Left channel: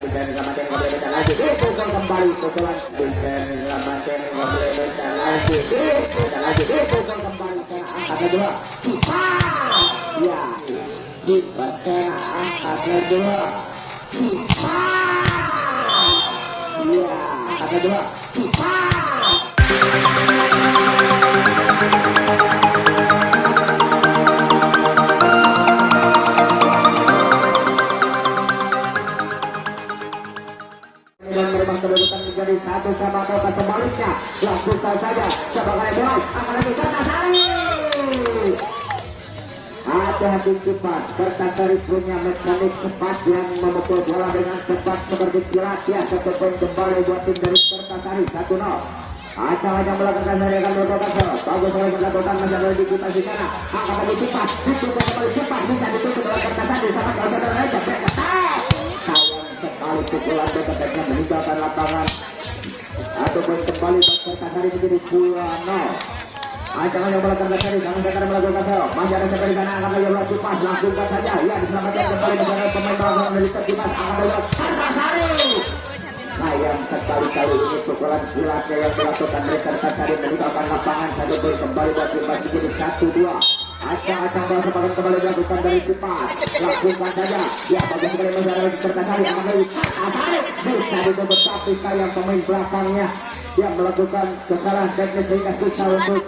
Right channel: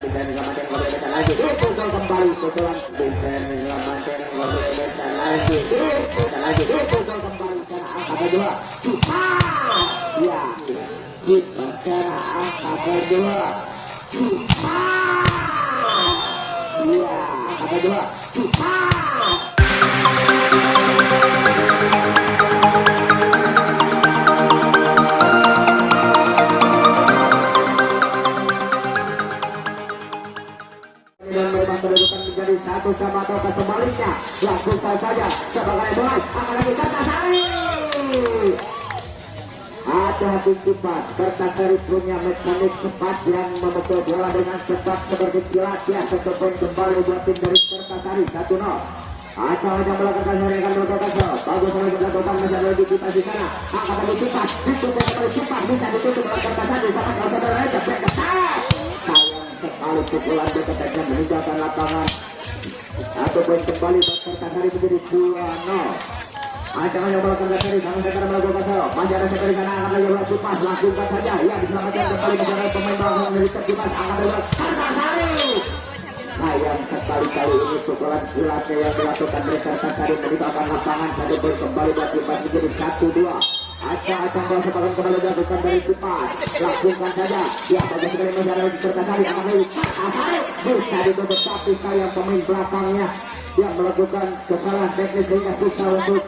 Dan lagi dipukul kembali pukulan dan lagi dipukul kembali angka kedua ya kita angka kedua ya angka kedua menjadi satu sama atau sebaliknya lakukan saja sebagai bola apalagi Kertasari hati-hati cepat Kertasari punya mekanik cepat yang memukul bola dengan cepat seperti kilat ya satu poin kembali buat tim dari Kertasari 1-0 Acang-acang melakukan hari akan melakukan bagus lagi melakukan masalah di kita di sana angkat lagi cepat ditutup sekali cepat bisa ditutup oleh Kertasari sangat bersaudara aja sekali pukulan dia ketika meninggalkan lapangan atau poin kembali Kertasari menjadi 2-0 Acang yang melakukan Kertasari namun sekarang melakukan salah masih ada sekali sana akan lagi melakukan pas langsungkan saja ya diselamatkan kembali negara pemain belakang dari tertipas akan melihat Kertasari sayang sekali-kali ini pukulan silat yang dilakukan oleh Kertasari meninggalkan lapangan satu poin kembali dan kita menjadi 1-2 Acang-acang melakukan kembali melakukan dari cepat lakukan saja ya bagi segala negara dari Kertasari bisa ditutup tapi sayang pemain belakangnya yang melakukan kesalahan teknis sehingga susah untuk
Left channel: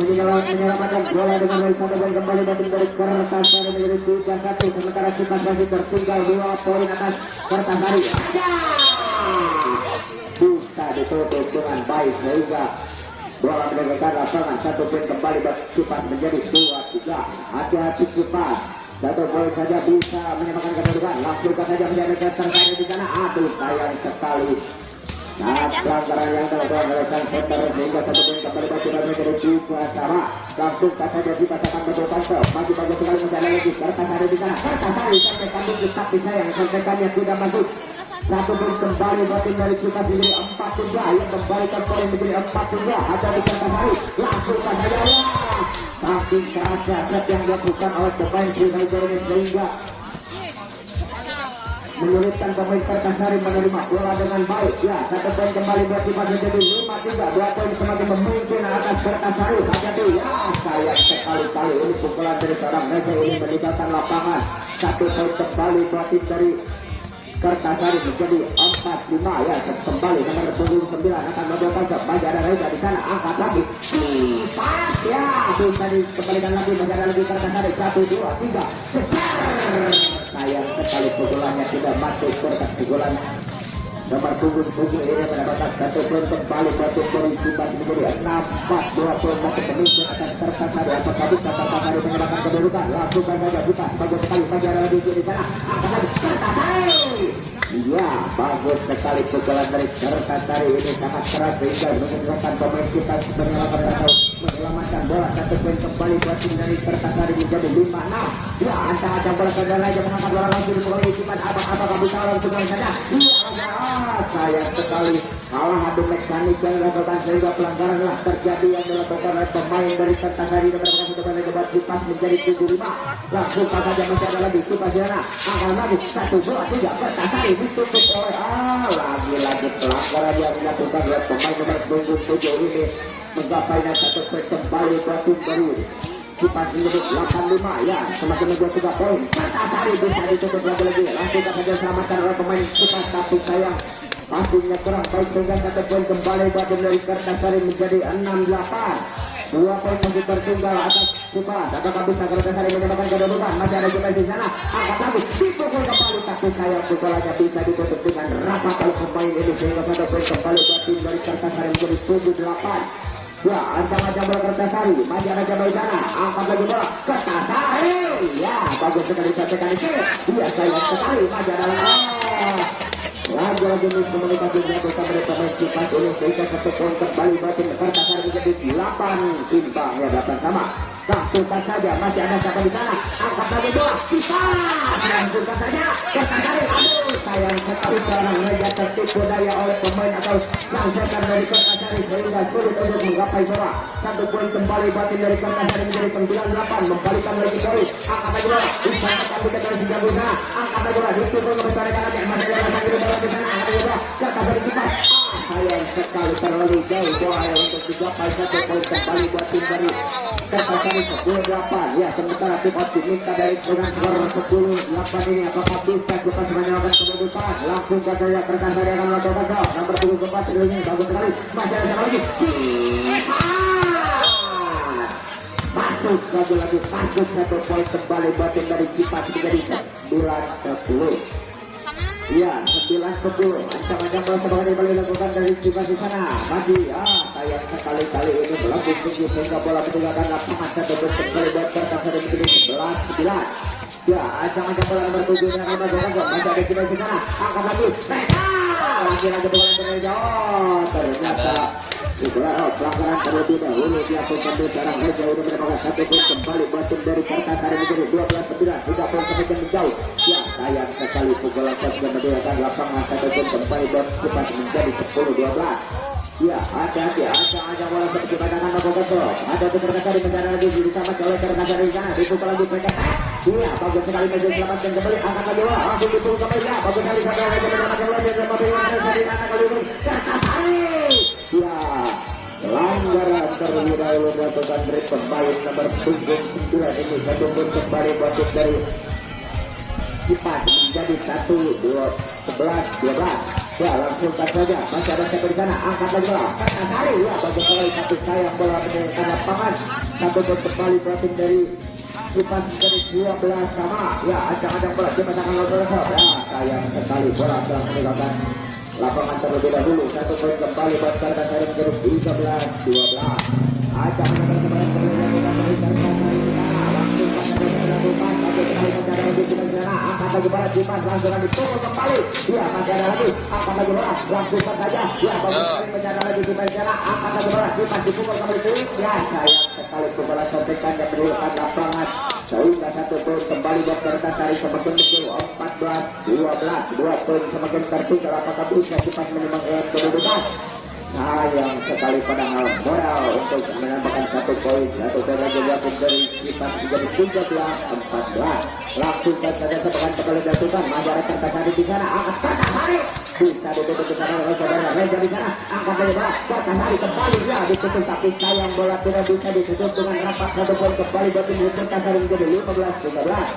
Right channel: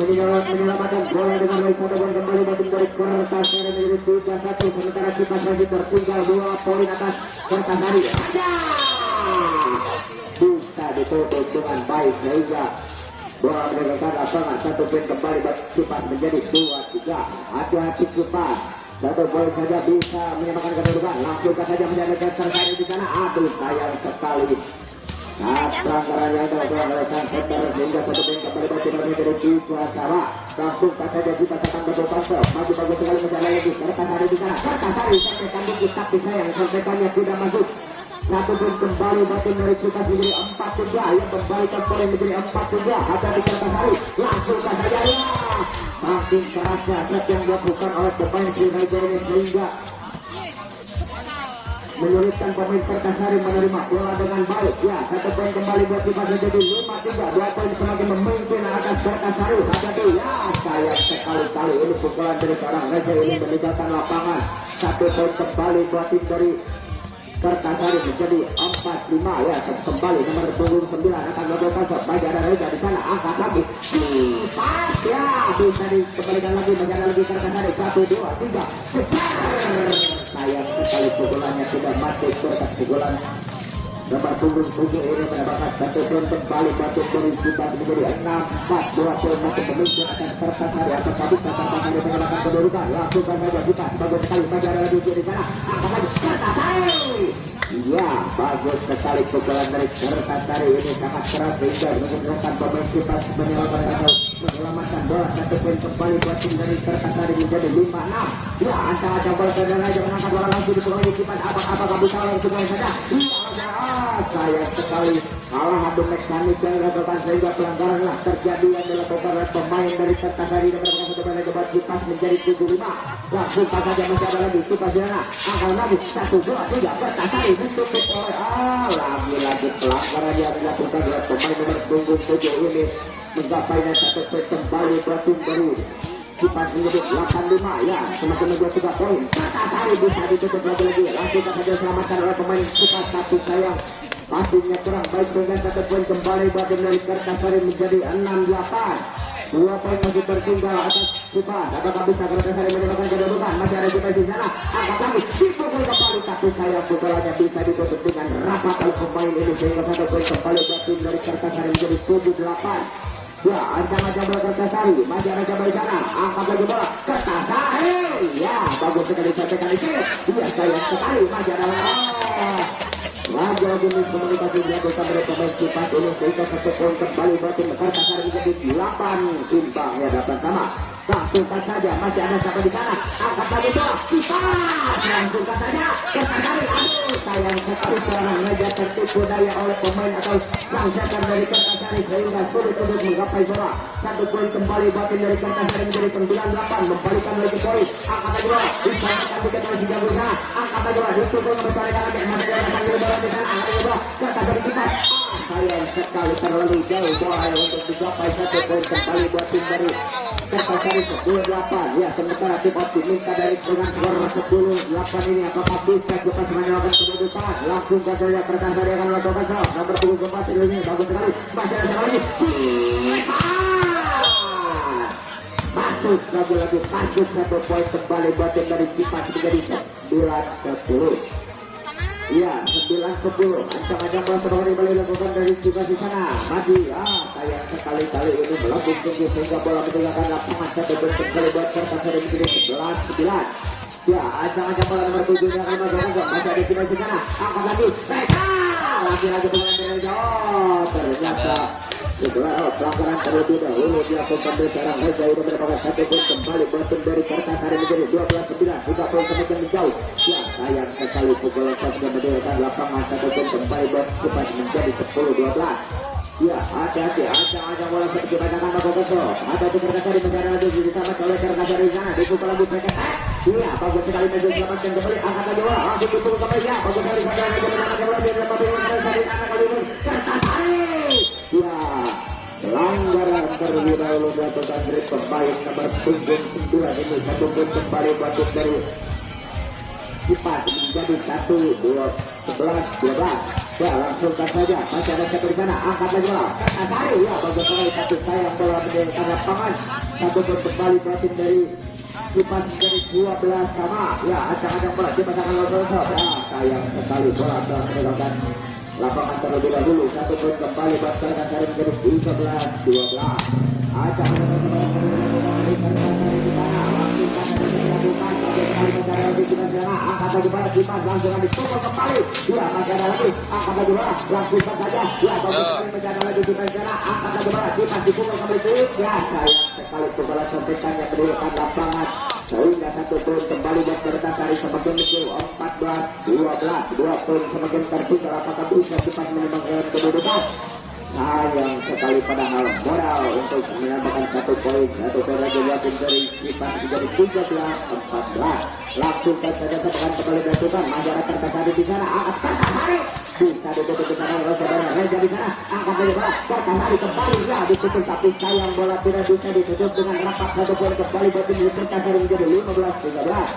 menyelamatkan bola dengan satu poin kembali dan dari Kertasari menjadi 3-1 sementara kita masih tertinggal 2 poin atas Kertasari bisa ditutup dengan baik sehingga bola meninggalkan lapangan satu poin kembali dan cepat menjadi 2-3 hati-hati cepat satu poin saja bisa menyamakan kedudukan langsungkan saja menjadi Kertasari di sana aduh sayang sekali pelanggaran yang dilakukan oleh Center sehingga satu poin kembali dan cepat menjadi 2-3 langsungkan saja kita akan berdepan bagi-bagi sekali menjalan lagi Kertasari di sana Kertasari sampai kami kita sayang sampai tidak masuk satu poin kembali batin dari kita menjadi 4-3 yang kembalikan poin menjadi 4-3 ada di Kertasari langsungkan saja saking kerasnya set yang dilakukan oleh pemain Sriwijaya ini sehingga menyulitkan pemain Kertasari melihat bola dengan baik ya satu poin kembali buat kita menjadi 5-3 dua poin semakin memimpin atas Kertasari hati-hati ya sayang sekali-kali ini pukulan dari seorang Reza ini meninggalkan lapangan satu poin kembali buat tim dari Kertasari menjadi 4-5 ya kembali nomor 29 akan melakukan masih ada Reza di sana angkat lagi ya bisa dikembalikan lagi masih ada lagi Kertasari 1-2-3 sayang sekali pukulannya tidak masuk serta pukulan nomor punggung ini mendapatkan satu poin kembali satu poin kita menjadi 6-4 2 poin masuk pemimpin akan Kertasari atau tadi Kertasari menyerahkan kedudukan lakukan saja kita bagus sekali masih ada lagi di sana angkat lagi Kertasari iya bagus sekali pukulan dari Kertasari ini sangat keras sehingga menyebabkan pemain kita menyelamatkan bola satu poin kembali tim dari Kertasari menjadi 5-6 ya antara bola saudara aja menangkap bola lagi di bawah kita apa bisa langsung ke sana sayang sekali kawan hati mekanik yang dilakukan sehingga pelanggaran lah terjadi yang dilakukan oleh pemain dari Kertasari dan berkasih kepada debat kipas menjadi 7-5 lakukan saja mencoba lagi kipas jana angka lagi 1-2-3 Kertasari ditutup oleh lagi pelanggaran yang dilakukan oleh pemain nomor punggung 7 ini mencapainya satu poin kembali tim dari kipas menjadi 8-5 ya semakin menjadi 3 poin Kertasari bisa ditutup lagi lakukan saja selamatkan oleh pemain kipas tapi sayang pastinya kurang baik sehingga satu poin kembali bagian dari Kertasari menjadi 6-8 2 poin masih tertinggal atas kita apakah bisa Kertasari menyebabkan kedudukan masih ada kita di sana angkat lagi dipukul kembali tapi sayang pukulannya bisa ditutup dengan rata oleh pemain ini sehingga satu poin kembali buat tim dari Kertasari menjadi 7-8 ya ancang-ancang bola Kertasari masih ada jabal sana angkat lagi bola Kertasari ya bagus sekali sampaikan di sini iya sayang sekali masih ada lagi komunikasi jatuh sama pemain kita ini sehingga satu poin kembali batin Kertasari menjadi 8 timbangnya datang sama langsungkan saja masih ada siapa di sana angkat lagi bola kita langsungkan saja Kertasari sayang sekali serangan saja tertipu daya oleh pemain atau langsakan dari Kertasari sehingga sulit untuk menggapai bola satu poin kembali batin dari Kertasari menjadi 9-8 membalikan lagi poin angkat lagi bola bisa akan dikatakan 3 angkat lagi bola ditutup mempertahankan lagi masih ada sekali terlalu jauh bola untuk dicapai 1 poin kembali buat tim dari Kertasari 10-8. Ya, sementara kita diminta dari dengan skor 10-8 ini apakah bisa kita menyelamatkan kedudukan. Langsung ke gaya Kertasari yang nomor 4 nomor 24 ini bagus sekali. Masih ada lagi. Masuk lagi masuk 1 poin kembali buat tim dari kita menjadi 9-10. Iya, 9-10. Ancaman bola kembali dilakukan dari juga di sana. Tadi, sayang sekali-kali ini melambung tinggi sehingga bola ditinggalkan lapangan 1 poin kembali buat Kertasari menjadi 11-9. Ya, ancaman bola nomor 7 yang akan masih ada di sana. Angkat lagi. Lagi dengan dari jauh. Ternyata itulah pelanggaran terlebih dahulu dilakukan dari cara Reza udah berbalas 1 poin kembali buat tim dari Kertasari menjadi 12-9. 3 poin semakin menjauh. Ya, sayang sekali pukulan sudah meninggalkan lapangan 1 poin kembali buat kita menjadi 10-12. Ya, hati-hati aja bola seperti pandangan Nogogoso. Ada tuh Kertasari mencari lagi diselamat oleh Kertasari di sana. Dibuka lagi mereka. Iya, bagus sekali maju selamatkan kembali. Angkat lagi bola. Langsung dibuka kembali. Ya, bagus sekali pada Kertasari. Ya, pelanggaran terlebih dahulu melakukan break kembali nomor 9 ini 1 poin kembali buat dari Kipas menjadi 11-12. Ya, langsung saja masih ada siapa di sana. Angkat lagi bola Kertasari. Ya, bagus sekali tapi sayang bola meninggalkan lapangan 1 poin kembali buat dari Kipas menjadi 12 sama. Ya, acak-acak bola di tangan Nogogoso. Ya, sayang sekali bola telah meninggalkan lapangan terlebih dahulu 1 poin kembali buat Kertasari menjadi 13-12. Acak angkat lagi bola Kipas langsung lagi tutup kembali. Ya, masih ada lagi. Angkat lagi bola langsung saja. Ya, menjaga lagi Kipas sana. Angkat lagi bola Kipas dipukul kembali. Ya, sayang sekali segala sontekannya berikan lapangan sehingga 1 poin kembali buat Kertasari semakin kecil 14-12. 2 poin semakin tertinggal. Apakah bisa kita menyebabkan kedudukan? Sayang sekali pada malam moral untuk menambahkan 1 poin. 1 poin lagi buat dari Kipas menjadi 13-14. Langsung saja setekan kembali dilakukan. Ada Kertasari di sana. Angkat Kertasari. Bisa ditutup di sana oleh saudara Reza di sana. Angkat dari bola Kertasari kembali. Ya, ditutup tapi sayang bola tidak bisa ditutup dengan rapat. 1 poin kembali buat tim Kertasari menjadi 15-13.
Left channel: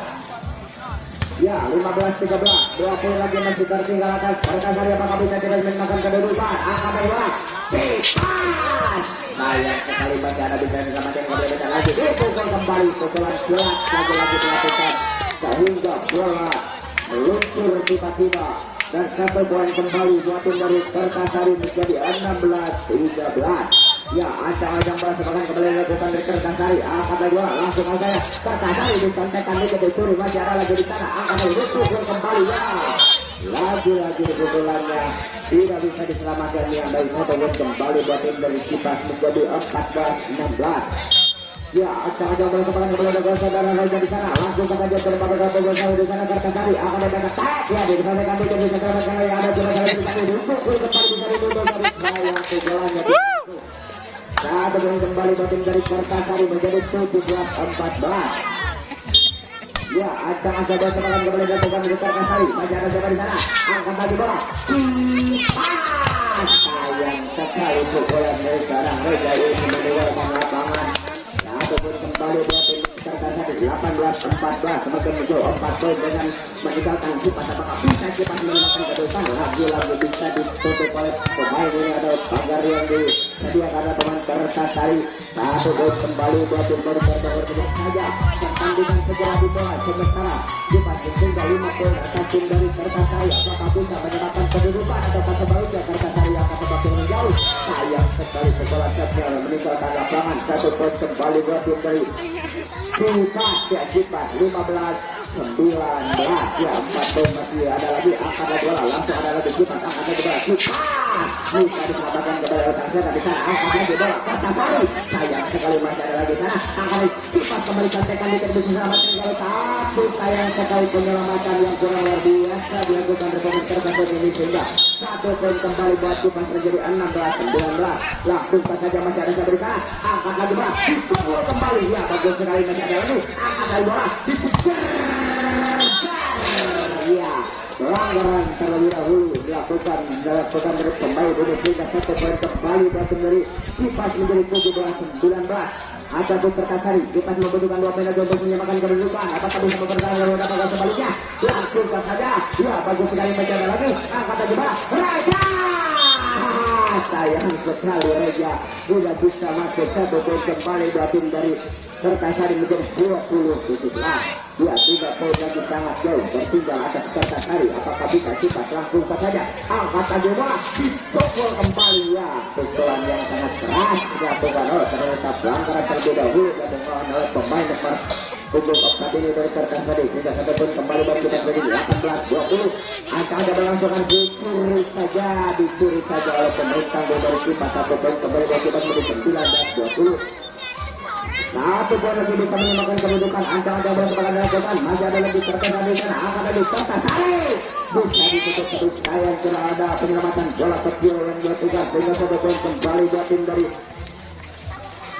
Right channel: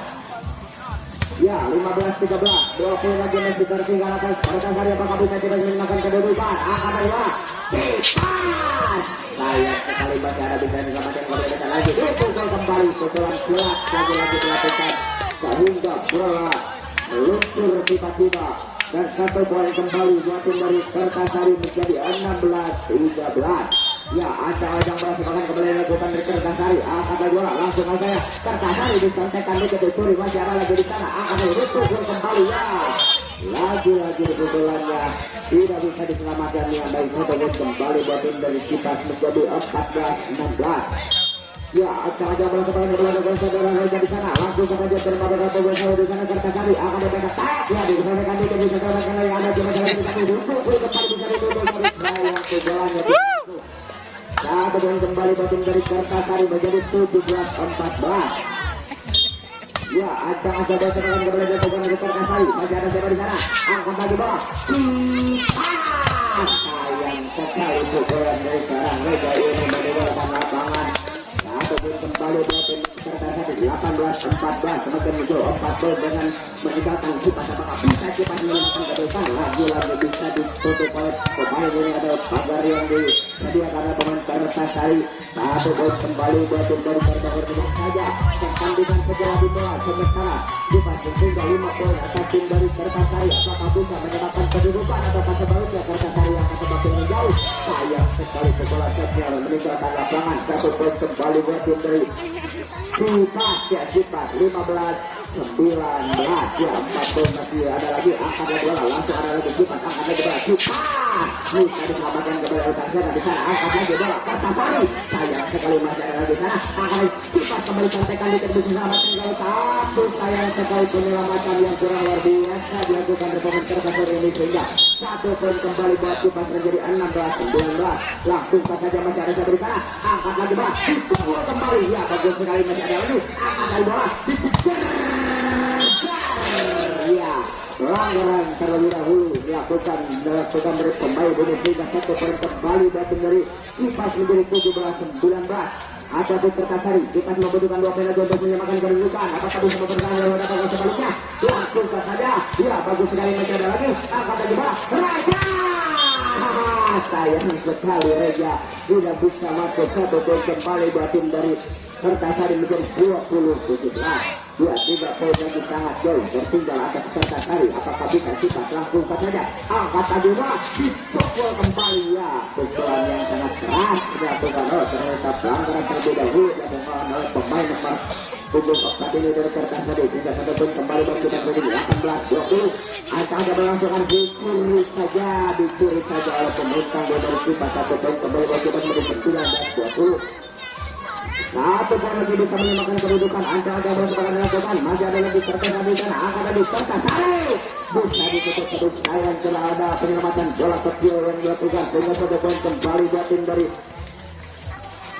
Ya, 15-13. 2 poin lagi masih tertinggal atas Kertasari. Apakah bisa tidak menyelamatkan kedudukan? Angkat dari bola sayang sekali masih ada bisa diselamatkan lagi. Dipukul kembali pukulan berat lagi dilakukan sehingga bola luntur tiba-tiba dan 1 poin kembali buat tim dari Kertasari menjadi 16-13. Ya, acang-acang bola sepakan kembali dilakukan dari Kertasari. Angkat lagi bola langsung aja ya. Kertasari disantekan lagi dari Turi. Masih ada lagi di sana. Angkat lagi dipukul kembali. Ya, lagi pukulannya tidak bisa diselamatkan yang baik. 1 poin kembali buat tim dari Kipas menjadi 14-16. Ya, acang-acang bola sepakan kembali dilakukan saudara Reza di sana. Langsung saja daripada Kertasari di sana. Kertasari angkat lagi ada tag. Ya, disantekan lagi di sana. Yang ada di sana. Dipukul kembali di sana. Satu poin kembali batin dari Kertasari menjadi 17-14. Ya, acang-acang bola sepakan kembali dilakukan dari Kertasari. Masih ada siapa di sana. Angkat lagi bola. Sayang sekali pukulan dari sekarang. Reza ini meninggalkan lapangan. Satu poin kembali batin Kertasari 18-14. Semakin menjauh 4 poin dengan meninggalkan Kipas. Apakah bisa kita menyelamatkan kedudukan? Lagi-lagi bisa ditutup oleh pemain ini ada pagar yang disediakan teman Kertasari. 1 poin kembali buat tim dari Kertasari tidak saja pertandingan segera dimulai. Sementara Kipas sehingga 5 poin atas tim dari Kertasari. Apakah bisa menyelamatkan kedudukan atau sebaliknya Kertasari akan semakin menjauh? Sayang sekali segala setnya meninggalkan lapangan. 1 poin kembali buat tim dari Kipas. Ya, Kipas 15-19. Ya, 4 poin masih ada lagi. Angkat lagi bola langsung ada lagi Kipas. Angkat lagi bola Kipas. Bisa diselamatkan kepada Kertasari dari sana. Angkat lagi bola Kertasari. Sayang sekali masih ada lagi sana. Angkat Kipas kembali santekan di terbit diselamatkan kalau satu. Sayang sekali penyelamatan yang kurang luar biasa dilakukan rekan Kertasari ini sehingga 1 poin kembali buat Kipas menjadi 16-19. Langsung saja masih ada di sana. Angkat lagi bola dipukul kembali. Ya, bagus sekali masih ada lagi. Angkat lagi bola dipukul. Ya, pelanggaran terlebih dahulu dilakukan dari kembali dari pindah satu poin kembali datang dari kipas menjadi 17-19. Ataupun Perkasari kipas membutuhkan 2 poin lagi untuk menyamakan kedudukan. Apakah bisa bertahan dengan mendapatkan sebaliknya? Lakukan saja. Ya, bagus sekali mencoba lagi. Angkat lagi Pak. Raja. Sayang sekali Reja tidak bisa masuk 1 poin kembali dua tim dari Perkasari menjadi 20-17. Ya, tidak poin lagi sangat jauh bertinggal atas Perkasari. Apakah bisa kita langsung saja angkat aja Pak, dipukul kembali ya. Pukulan yang sangat keras dilakukan oleh ternyata pelanggaran terlebih dahulu dilakukan oleh pemain nomor punggung 4 ini dari Perkasari. Sehingga 1 poin kembali dan kita menjadi 18-20. Akan ada berlangsungan dicuri saja oleh pemerintah dari kita 1 poin kembali dan kita menjadi 19-20. Satu poin lagi bisa menyamakan kedudukan. Ada berpegang lakukan masih ada lebih tertekan di sana. Akan ada di Perkasari bisa ditutup terus. Sayang telah ada penyelamatan bola kecil yang dilakukan sehingga 1 poin kembali dua tim dari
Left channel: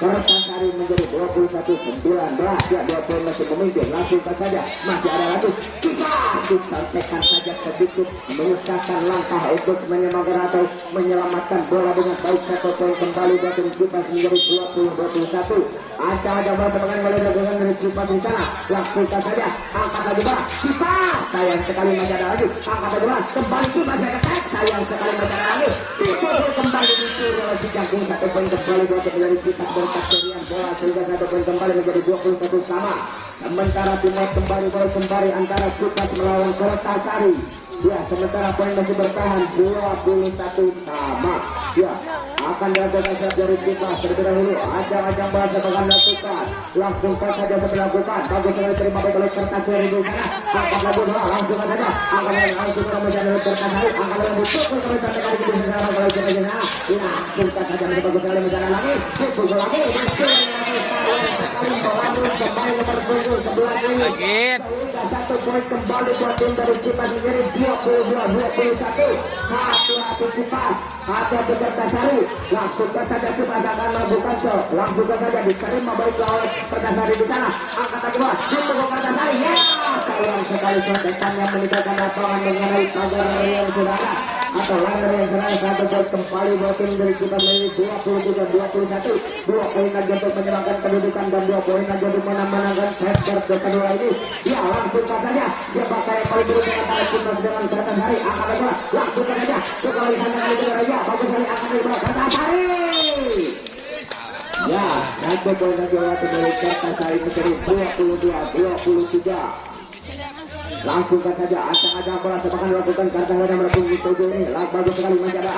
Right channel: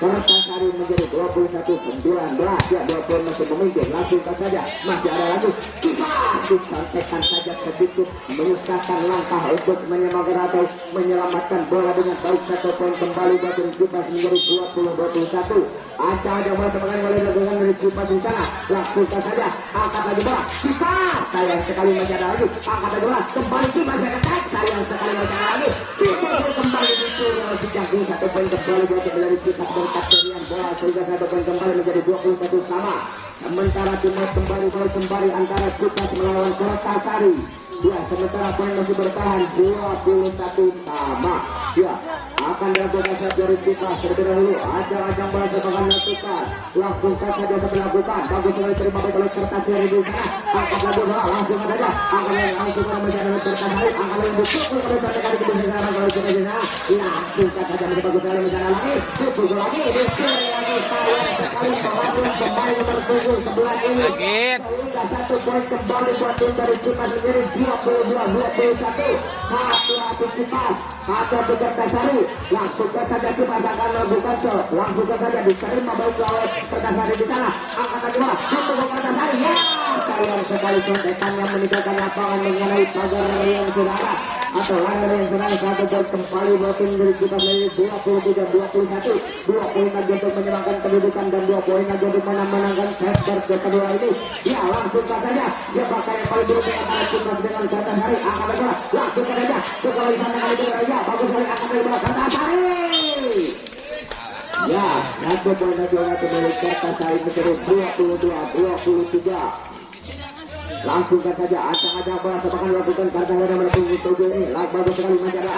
Perkasari menjadi 21-19. Ya, 2 poin masih memimpin. Langsung saja masih ada lagi bisa disampaikan saja sedikit menyusahkan langkah untuk menyelamatkan bola dengan baik. 1 poin kembali dua tim kita menjadi 20-21. Ada berpegang kali dilakukan dari kipas di sana. Langsung saja angkat lagi Pak. Kita sayang sekali masih ada lagi. Angkat lagi Pak. Kembali kita dekat. Sayang sekali masih ada lagi. Itu kembali itu oleh si jagung. 1 poin kembali dua tim dari kipas dan Kapterian bola sehingga 1 poin kembali menjadi 21 sama. Sementara timnas kembali antara kipas melawan Perkasari. Ya, sementara poin masih bertahan 21 sama. Ya, akan dilakukan saat dari kita terlebih dahulu. Ajang-ajang bahasa akan dilakukan. Langsung saja dilakukan. Bagus sekali terima oleh Perkasari di sana. Angkat lagi bola langsung saja. Angkat langsung menjadi Perkasari. Angkat langsung dipukul oleh satu kali ke sana kalau kita jenah. Ya, singkat saja bagus sekali menjadi lagi. Pukul bola lagi. Kaget. 1 poin kembali dua tim dari kita menjadi 22-21. Satu kipas atau Perkasari langsung saja kita akan lakukan langsung saja diterima baik lawan Perkasari di sana. Angkat kedua itu Perkasari ya. Sayang sekali sotekan yang meninggalkan lapangan mengenai pagar yang sudah atau lawan yang serang. 1 poin kembali dua tim dari kita menjadi 23-21. 2 poin lagi untuk menyerangkan kedudukan dan 2 poin lagi untuk menangkan sektor kedua ini. Ya, langsung saja dia pakai yang paling dulu dengan kita dengan Perkasari. Angkat kedua langsung saja sekali sana itu ya bagus sekali angkat kedua Perkasari. Ya, 1 poin lagi untuk Perkasari menjadi 22-23. Langsung saja acak-acak bola sedangkan melakukan kartu merah melalui tujuh ini. Bagus sekali menjaga.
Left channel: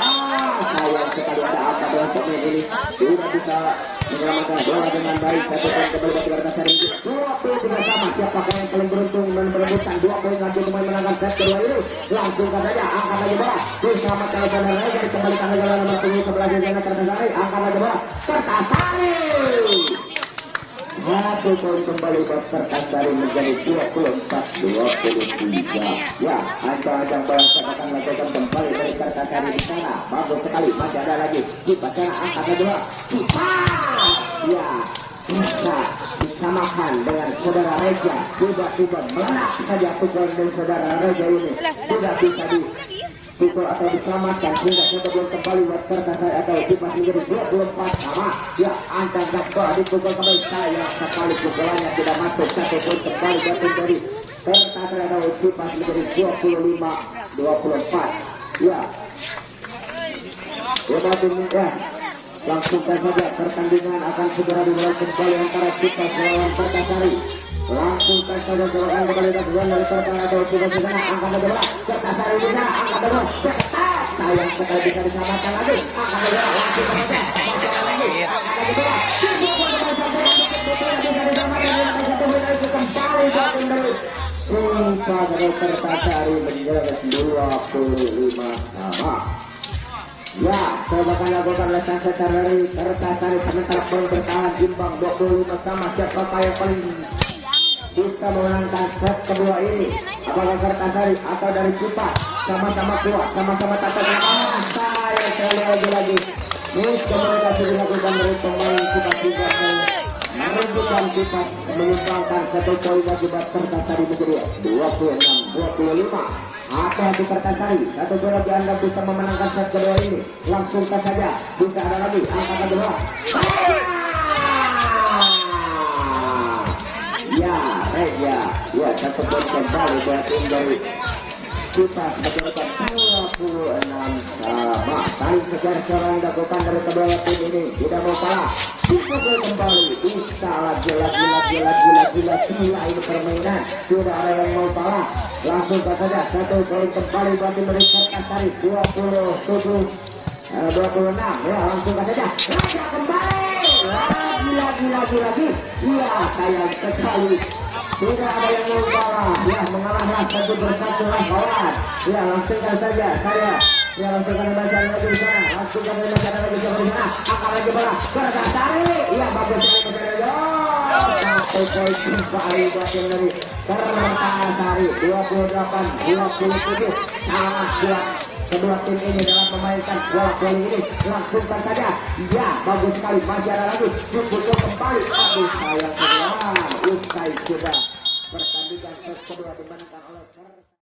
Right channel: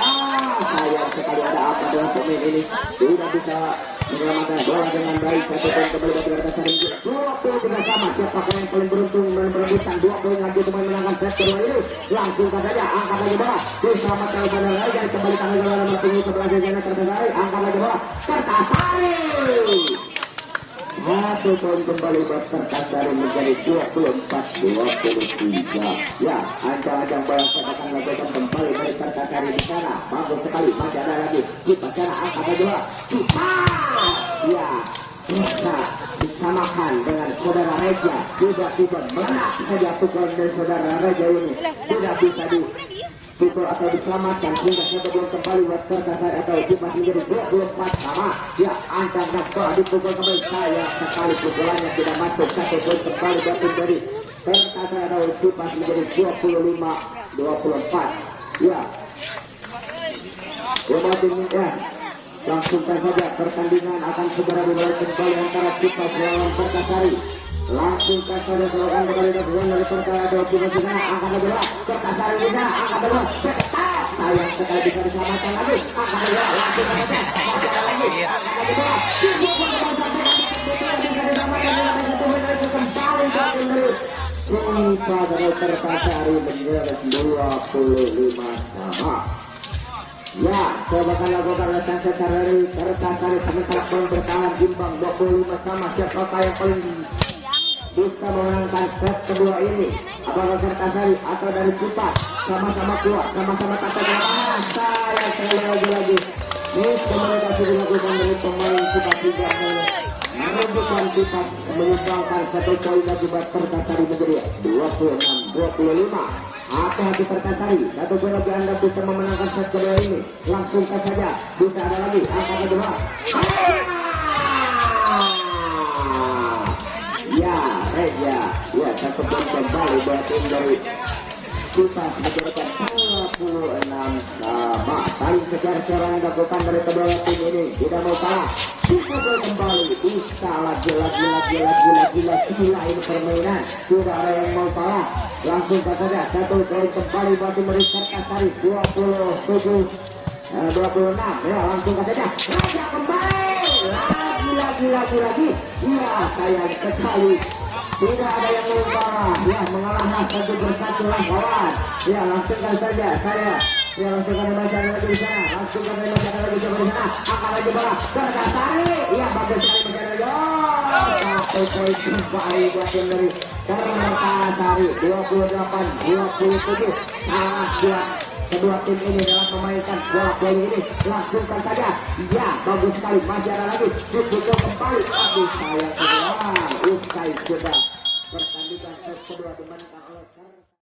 Sayang sekali ada apa dengan pemain ini tidak bisa menyelamatkan bola dengan baik. 1 poin kembali bagi Perkasari ini. 2 poin bersama siapakah yang paling beruntung menerbitkan 2 poin lagi untuk menangkan set kedua ini. Langsung saja angkat lagi bola diselamatkan oleh Perkasari dari kembali tanggal nomor 7 sebelah kiri Perkasari. Angkat lagi bola Perkasari. 1 poin kembali Perkasari menjadi 24-23. Ya, ancang-ancang bola akan melakukan kembali dari Perkasari di sana. Bagus sekali, masih ada lagi. Kita cara angkat kedua. Kita, ya, bisa disamakan dengan saudara Reja. Tiba-tiba melenak saja pukulan dari saudara Reja ini. Tidak bisa dipukul atau diselamatkan sehingga kita belum kembali buat Perkasari atau kita menjadi 24 sama. Ya, angkat bola dipukul kembali. Sayang sekali pukulannya tidak masuk. 1 poin kembali dari Perkasari atau kita menjadi 25-24. Ya, ya, langsung saja pertandingan akan segera dimulai kembali antara kita melawan Perkasari. Langsung saja kembali dari Perkasari atau kita di sana angkat bola Perkasari di sana angkat bola cepat. Sayang sekali bisa diselamatkan lagi. Angkat bola langsung saja. Kita dari Perkasari menjadi 25 sama. Ya, coba akan lakukan lesan secara dari Perkasari sementara poin bertahan imbang 25 sama. Siapa yang paling bisa menangkan set kedua ini? Apakah Perkasari atau dari kita? Sama-sama kuat, sama-sama tatakan. Saya sekali lagi. Ini komunikasi dilakukan dari pemain kita juga merebutkan kita meninggalkan 1 poin akibat Perkasari menjadi 26-25. hati-hati Pertasari. Satu bola dianggap bisa memenangkan set kedua ini. Langsung saja bisa ada lagi angka kedua. Ya, satu poin kembali dari tim dari kita menjadikan 26 sama. Tadi secara seorang dilakukan dari kedua tim ini tidak mau kalah. Dipukul kembali, bisa gila ini permainan. Tidak ada yang mau kalah. Langsung saja satu poin kembali bagi mereka Pertasari 26 ya, langsung saja mereka kembali. Gila. Iya, saya sekali. Tidak ada yang mengubah, ya mengalah satu bersatu lawan. Ya langsungkan saja saya. Ya langsungkan masyarakat lagi di sana. Langsungkan masyarakat lagi di sana. Akan lagi bola Pertasari. Ya bagus sekali masyarakat. Sampai kembali buat tim dari Pertasari 28-27. Sangat kuat kedua tim ini dalam memainkan bola voli ini. Langsungkan saja. Ya bagus sekali masih ada lagi. Dipukul kembali. Aduh sayang sekali. Usai sudah pertandingan set kedua dimenangkan oleh